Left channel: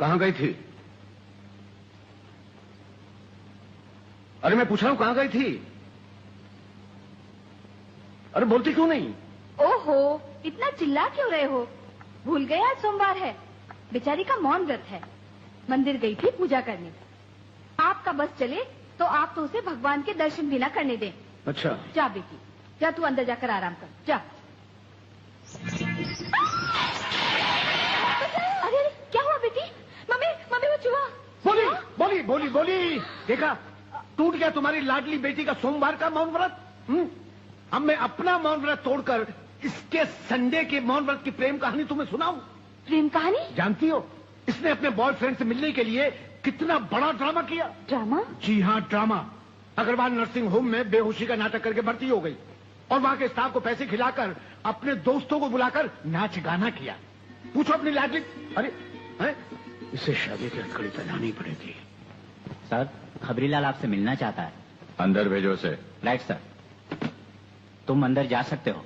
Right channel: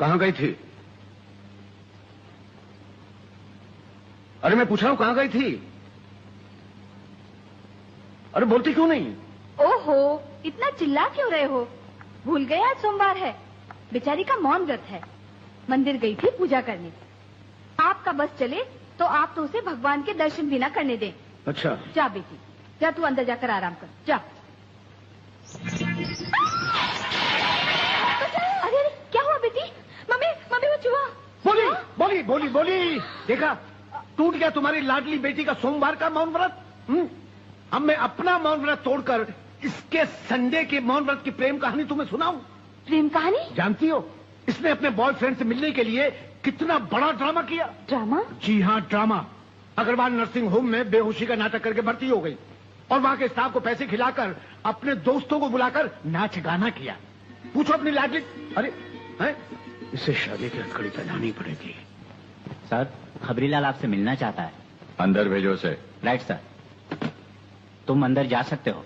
कहाँ गई थी? अरे मैं पूछ रहा हूं कहाँ गई थी? अरे बोलती क्यों नहीं? ओहो, इतना चिल्ला क्यों रहे हो? भूल गए आज सोमवार है। बेचारी का मौन व्रत है। मंदिर गई थी पूजा करने। आपका बस चले तो आप तो उसे भगवान के दर्शन भी ना करने दें। अच्छा। जा बेटी, जा तू अंदर जाकर आराम कर, जा। अरे क्या हुआ बेटी? मम्मी मम्मी वो चूहा। बोली बोली बोली बोली। देखा, टूट गया तुम्हारी लाडली बेटी का सोमवार का मौन व्रत। अब मैं अपना मौन व्रत तोड़कर इसके संडे के मौन व्रत की प्रेम कहानी तुम्हें सुनाऊं? प्रेम कहानी? जानती हो इसने अपने बॉयफ्रेंड से मिलने के लिए कितना बड़ा ड्रामा किया? ड्रामा? जी हाँ, ड्रामा। अग्रवाल नर्सिंग होम में बेहोशी का नाटक करके भर्ती हो गई और वहां के स्टाफ को पैसे खिलाकर अपने दोस्तों को बुलाकर नाच गाना किया। पूछो अपनी लाडली। अरे है? इसे शादी की हथकड़ी पहनानी पड़ेगी। सर, खबरीलाल आपसे मिलना चाहता है। अंदर भेजो उसे। Right sir. तुम अंदर जा सकते हो।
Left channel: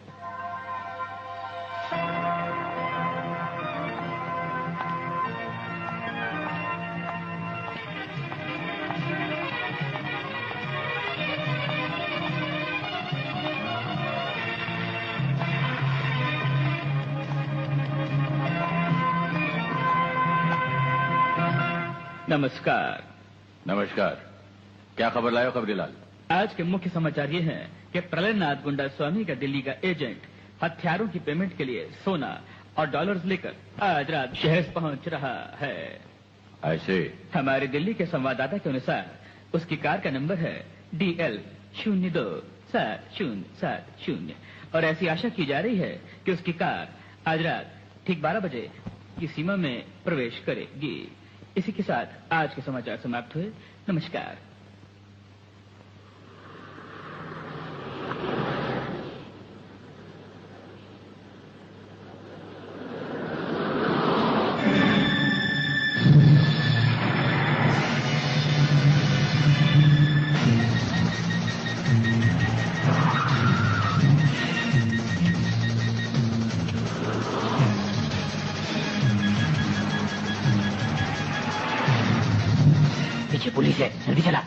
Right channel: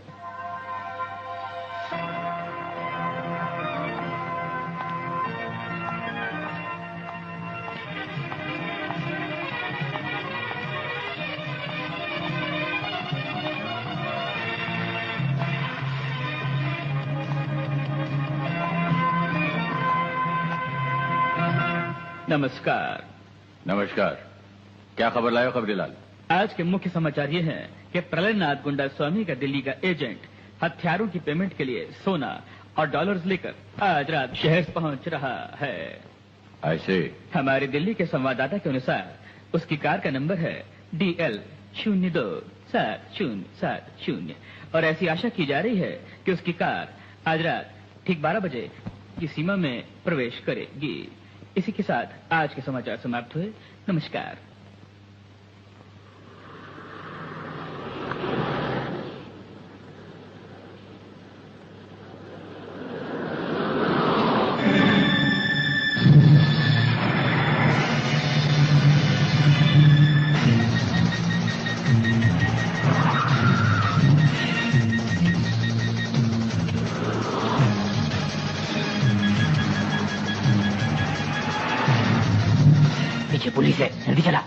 नमस्कार। नमस्कार। क्या खबर लाए हो खबरीलाल? आज के मुख्य समाचार ये हैं कि प्रलयनाथ गुंडा स्वामी का दिल्ली का एजेंट हथियारों की पेमेंट के लिए सोना और डॉलर्स लेकर आज रात शहर पहुंच रहा है। ऐसे? हमारे दिल्ली के संवाददाता के अनुसार उसकी कार का नंबर है DL027070 और ऐसी आशा की जा रही है कि उसकी कार आज रात ठीक 12 बजे की सीमा में प्रवेश करेगी। इसी के साथ आज के समाचार समाप्त हुए। नमस्कार। पुलिस है, जल्दी चला।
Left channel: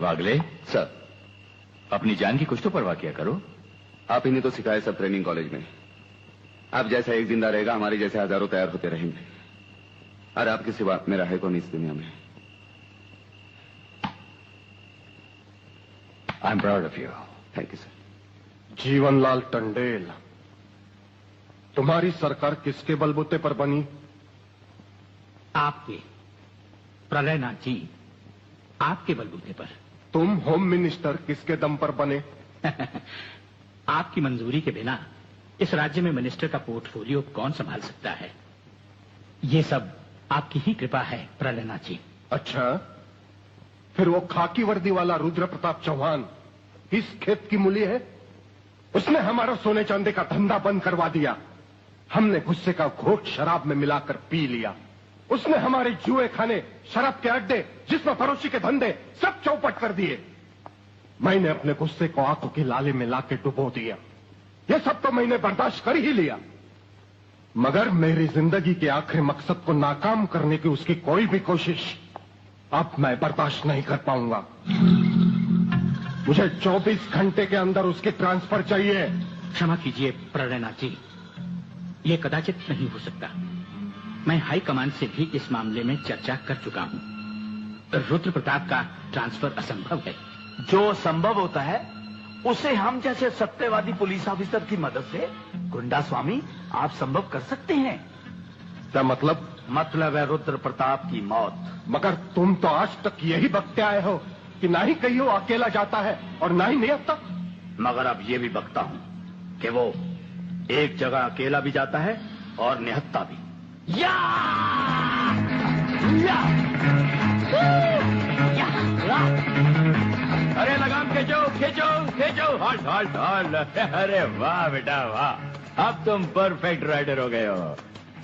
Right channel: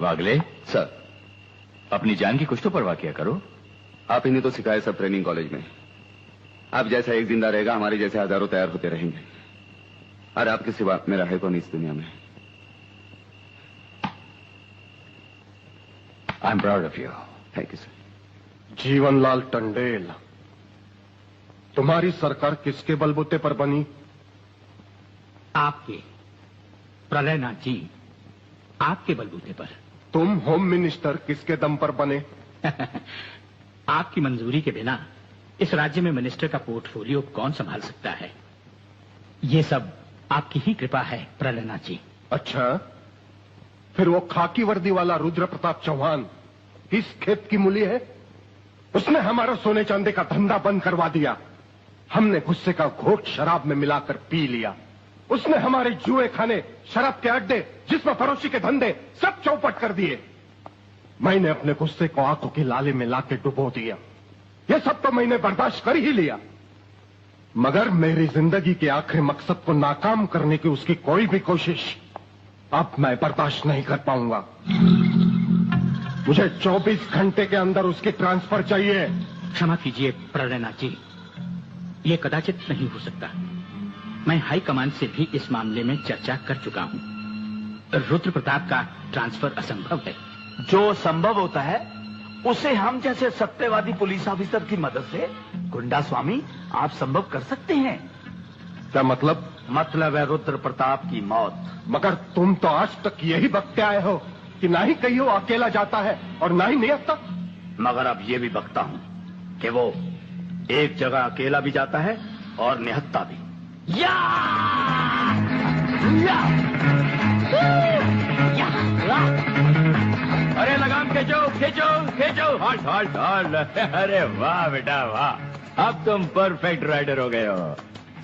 वागले सर, अपनी जान की कुछ तो परवाह किया करो। आप ही ने तो सिखाया सब ट्रेनिंग कॉलेज में। आप जैसा एक जिंदा रहेगा, हमारे जैसे हजारों तैयार होते रहेंगे। और आपके सिवा मेरा है कौन इस दुनिया में? I am proud of you. Thank you sir. Jeevanlal Tandel, तुम्हारी सरकार किसके बलबूते पर बनी? आपके, प्रलयनाथ जी, आपके बलबूते पर। तुम होम मिनिस्टर किसके दम पर बने? आपकी मंजूरी के बिना इस राज्य में मिनिस्टर का पोर्टफोलियो कौन संभाल सकता है? ये सब आपकी ही कृपा है प्रलयनाथ जी। अच्छा, फिर वो खाकी वर्दी वाला रुद्र प्रताप चौहान इस खेत की मूली है? उसने हमारा सोने चांदी का धंधा बंद करवा दिया। हमने गुस्से का घोट शराब में मिलाकर पी लिया। उसने हमारे जुए खाने, शराब के अड्डे, जिसमें फरोशी के धंधे सब चौपट कर दिए। मैंने अपने गुस्से को आंखों की लाली में लाके डुबो दिया। ये सब तो मैंने बर्दाश्त कर ही लिया, मगर मेरी जिंदगी के आखिरी मकसद को नाकाम करने की उसकी कोई भी कोशिश अब मैं बर्दाश्त नहीं कर पाऊंगा। मुझे 24 घंटे के अंदर उसकी ट्रांसफर चाहिए। क्षमा कीजिए प्रलयनाथ जी, ये कदाचित नहीं हो सकता। मैं हाई कमान से भी इस मामले में चर्चा कर चुका हूं। रुद्र प्रताप का ट्रांसफर असंभव है। जो संभव होता है उसे हम जैसे सत्यवादी पुलिस ऑफिसर की मदद से गुंडा स्वामी आप संभव कर सकते हैं। क्या मतलब? मतलब है रुद्र प्रताप की मौत। मगर तुम तो आज तक यही बकते आए हो कि ना ही कहीं वो अकेला जाता है और ना ही निहत्ता। मगर अब ये भी बकता हूं कि वो एक जगह अकेला भी जाता है और निहत्ता भी। या! या! या! अरे लगाम खींचो खींचो खींचो। Halt halt halt. अरे वाह बेटा वाह, अब तुम परफेक्ट राइडर हो गए हो।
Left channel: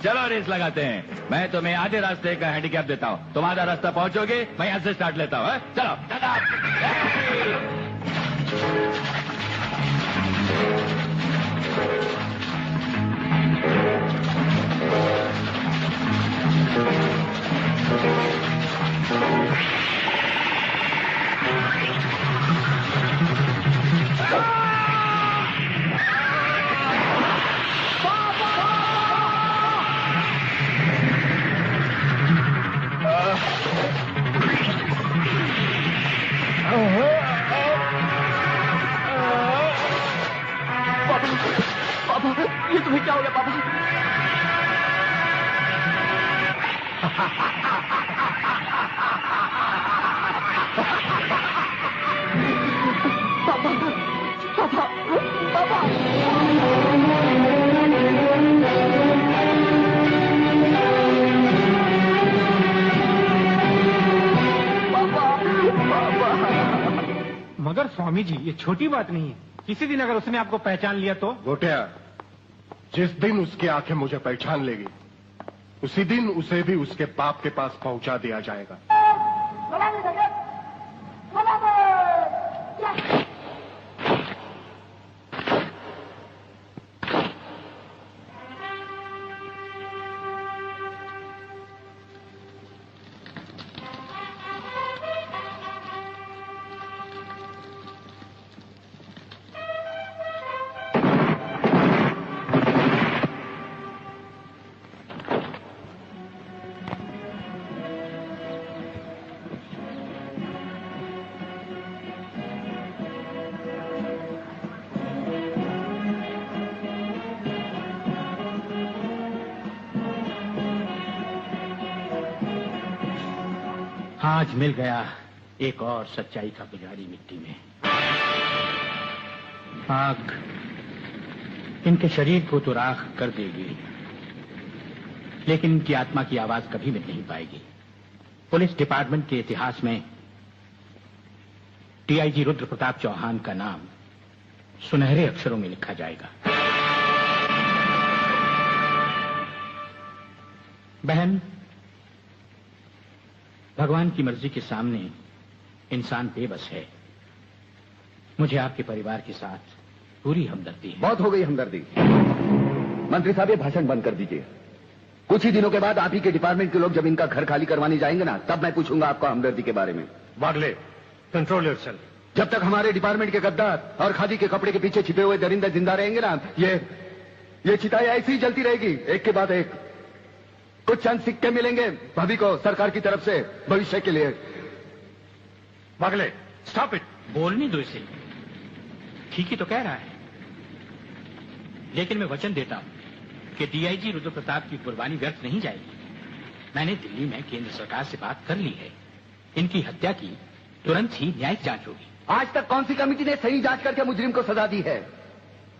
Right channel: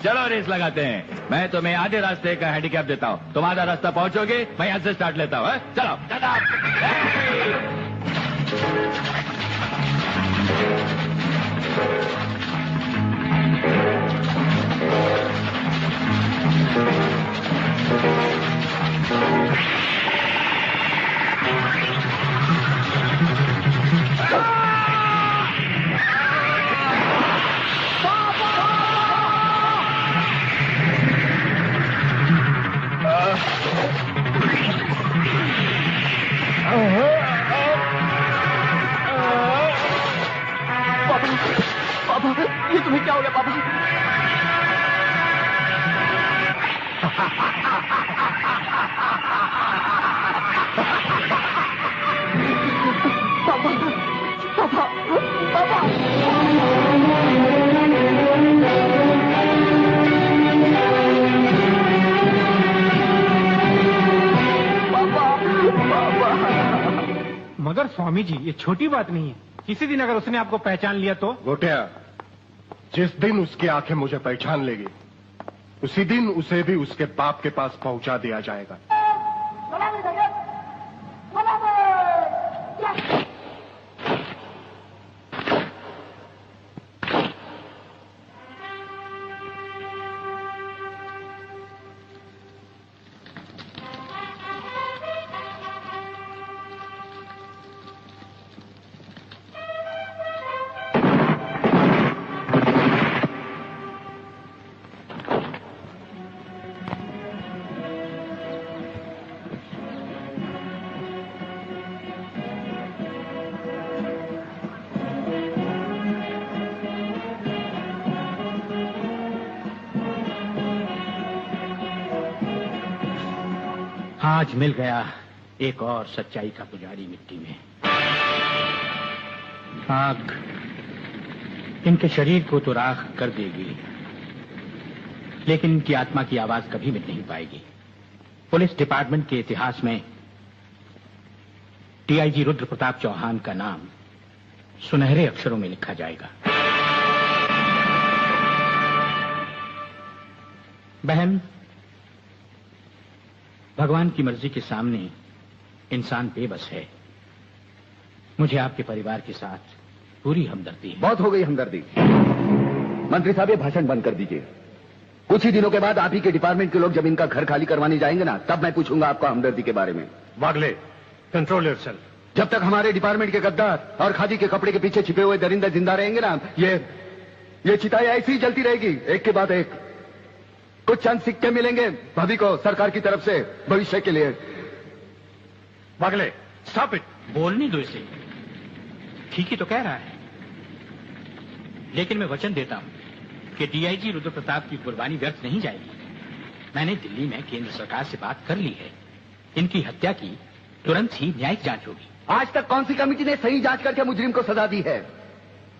चलो रेस लगाते हैं। मैं तुम्हें आधे रास्ते का हैंडीकैप देता हूँ, तुम आधा रास्ता पहुंचोगे, मैं यहाँ से स्टार्ट लेता हूँ। चलो पापा, ये तुम्हें क्या हो गया पापा? पापा, पापा, पापा। मगर स्वामी जी, ये छोटी बात नहीं है। किसी दिन अगर उसने आपको पहचान लिया तो? गोटिया, जिस दिन उसकी आंखें मुझे पहचान लेगी उसी दिन उसे भी उसके बाप के पास पहुंचा दिया जाएगा। आज मिल गया एक और सच्चाई का पुजारी मिट्टी में। आग इनके शरीर को तो राख कर देगी, लेकिन इनकी आत्मा की आवाज कभी मिट नहीं पाएगी। पुलिस डिपार्टमेंट के इतिहास में डीआईजी रुद्र प्रताप चौहान का नाम सुनहरे अक्षरों में लिखा जाएगा। बहन, भगवान की मर्जी के सामने इंसान बेबस है। मुझे आपके परिवार के साथ पूरी हमदर्दी है। बहुत हो गई हमदर्दी। मंत्री साहब, ये भाषण बंद कर दीजिए। कुछ ही दिनों के बाद आप ही के डिपार्टमेंट के लोग जब इनका घर खाली करवाने जाएंगे ना, तब मैं पूछूंगा आपको हमदर्दी के बारे में। Bagle, control yourself. जब तक हमारे डिपार्टमेंट के गद्दार और खादी के कपड़े के पीछे छिपे हुए दरिंदे जिंदा रहेंगे ना, ये चिताएं ऐसी ही जलती रहेगी, एक के बाद एक। कुछ चंद सिक्के मिलेंगे भाभी को सरकार की तरफ से भविष्य के लिए। Bagle, stop it. बोलने दो इसे, ठीक ही तो कह रहा है। लेकिन मैं वचन देता हूं कि डीआईजी रुद्र प्रताप की कुर्बानी व्यर्थ नहीं जाएगी। मैंने दिल्ली में केंद्र सरकार से बात कर ली है। इनकी हत्या की तुरंत ही न्यायिक जांच होगी। आज तक कौन सी कमेटी ने सही जांच करके मुजरिम को सजा दी है?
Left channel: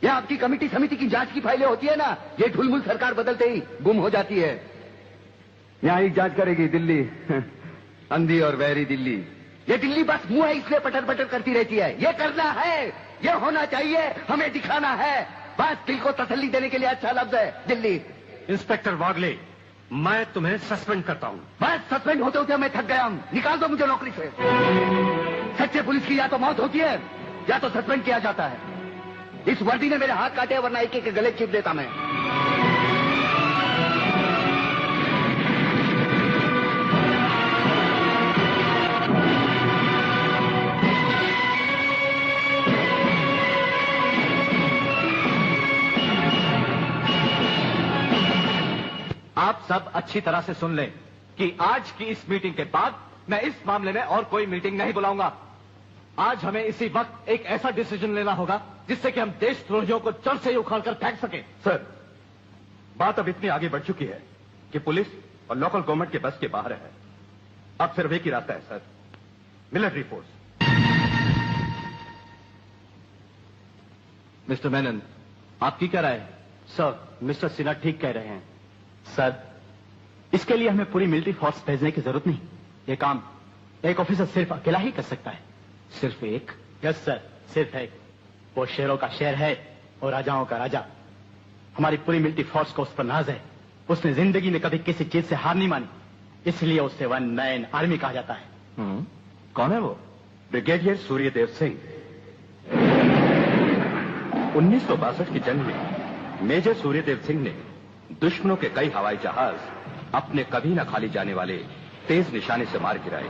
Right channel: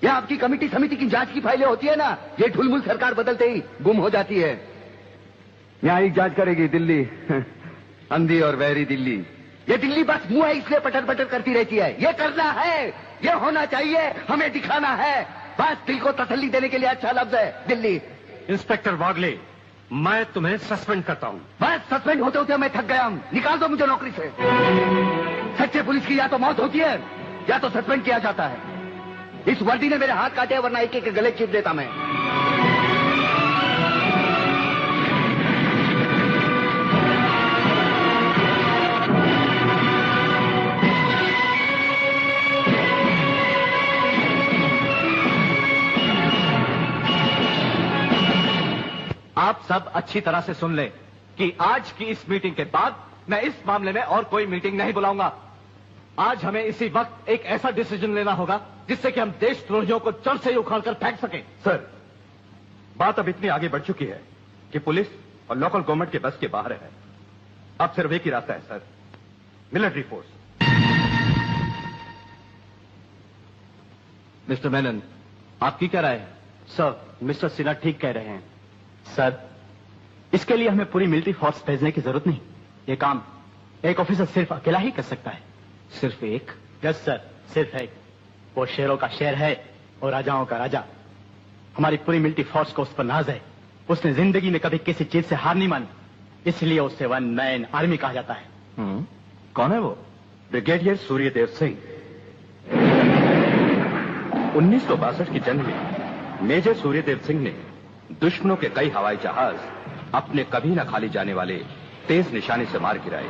ये आपकी कमेटी समिति की जांच की फाइलें होती है ना, ये ढुलमुल सरकार बदलते ही गुम हो जाती है। न्यायिक जांच करेगी दिल्ली, अंधी और वैरी दिल्ली। ये दिल्ली बस मुंह है इसलिए पटर पटर करती रहती है। ये करना है, ये होना चाहिए, हमें दिखाना है, बस दिल को तसल्ली देने के लिए अच्छा लफ्ज है दिल्ली। इंस्पेक्टर वागले, मैं तुम्हें सस्पेंड करता हूं। बस सस्पेंड होते होते मैं थक गया हूं, निकाल दो मुझे नौकरी से। सच्चे पुलिस की या तो मौत होती है या तो सस्पेंड किया जाता है। इस वर्दी ने मेरे हाथ काटे, वरना एक एक गले चिप देता मैं। आप सब अच्छी तरह से सुन लें कि आज की इस मीटिंग के बाद मैं इस मामले में और कोई मीटिंग नहीं बुलाऊंगा। आज हमें इसी वक्त एक ऐसा डिसीजन लेना होगा जिससे कि हम देशद्रोहियों को जड़ से ही उखाड़कर फेंक सके। सर, बात अब इतनी आगे बढ़ चुकी है कि पुलिस और लोकल गवर्नमेंट के बस के बाहर है। अब सिर्फ एक ही रास्ता है sir, military force. Mister Menon, आपकी क्या राय है? सर, मिस्टर सिन्हा ठीक कह रहे हैं। सर, इसके लिए हमें पूरी मिलिट्री फोर्स भेजने की जरूरत नहीं। ये काम एक ऑफिसर सिर्फ अकेला ही कर सकता है। सिर्फ एक? यस सर, सिर्फ एक। वो शेरों का शेर है और राजाओं का राजा। हमारी पूरी मिलिट्री फोर्स को उस पर नाज है। उसने जिंदगी में कभी किसी चीज से हार नहीं मानी, इसलिए उसे वन मैन आर्मी कहा जाता है। कौन है वो? ब्रिगेडियर सूर्यदेव सिंह। 1962 की जंग में मेजर सूर्यदेव सिंह ने दुश्मनों के कई हवाई जहाज अपने कभी न खाली जाने वाले तेज निशाने से मार गिराए।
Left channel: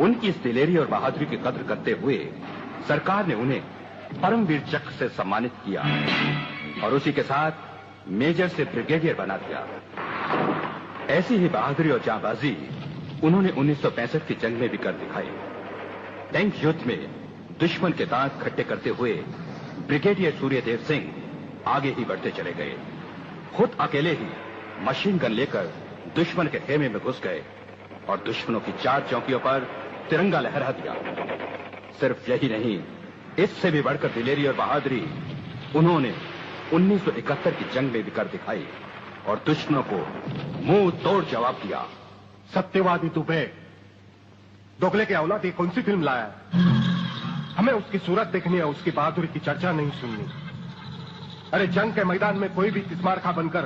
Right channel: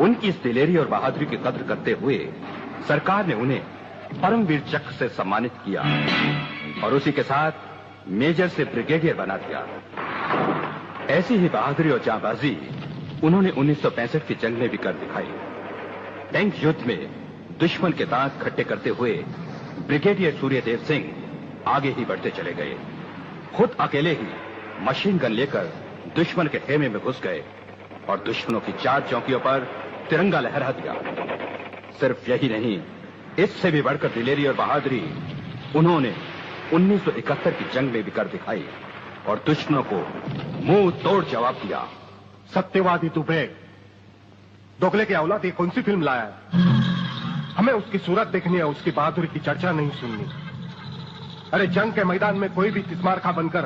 उनकी इस दिलेरी और बहादुरी की कद्र करते हुए सरकार ने उन्हें परमवीर चक्र से सम्मानित किया और उसी के साथ मेजर से ब्रिगेडियर बना दिया। ऐसी ही बहादुरी और जांबाजी उन्होंने 1965 की जंग में भी कर दिखाई। टैंक युद्ध में दुश्मन के दांत खट्टे करते हुए ब्रिगेडियर सूर्यदेव सिंह आगे ही बढ़ते चले गए। खुद अकेले ही मशीन गन लेकर दुश्मन के खेमे में घुस गए और दुश्मनों की 4 चौकियों पर तिरंगा लहरा दिया। सिर्फ यही नहीं, इससे भी बढ़कर दिलेरी और बहादुरी उन्होंने 1971 की जंग में भी कर दिखाई और दुश्मनों को मुंह तोड़ जवाब दिया। सत्यवादी दुबे, दोगले के औलाद ये कौन सी फिल्म लाया है? हमें उसकी सूरत देखनी है, उसकी बहादुरी की चर्चा नहीं सुननी। अरे जंग के मैदान में कोई भी तिस्मारखा बनकर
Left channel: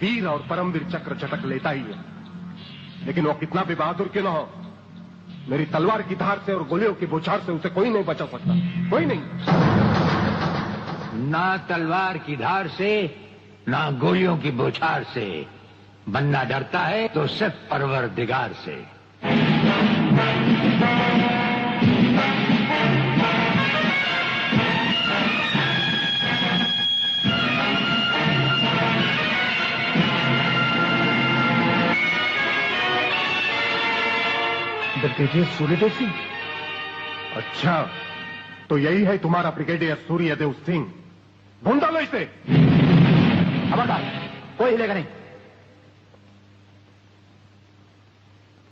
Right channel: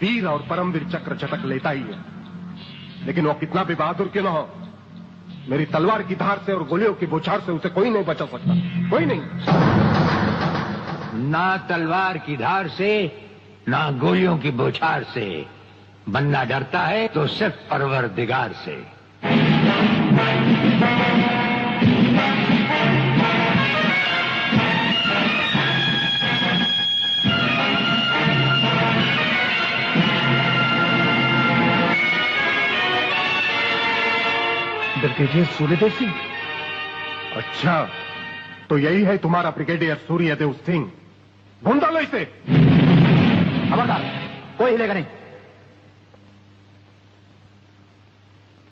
वीर और परमवीर चक्र झटक लेता ही है, लेकिन वो कितना भी बहादुर क्यों न हो, मेरी तलवार की धार से और गोलियों की बौछार से उसे कोई नहीं बचा सकता, कोई नहीं। ना तलवार की धार से, ना गोलियों की बौछार से। बनना डरता है तो सिर्फ परवरदिगार से। ब्रिगेडियर सूर्यदेव सिंह? अच्छा, तो यही है तुम्हारा ब्रिगेडियर सूर्यदेव सिंह। ढूंढ डालो इसे। खबरदार, कोई हिलेगा नहीं।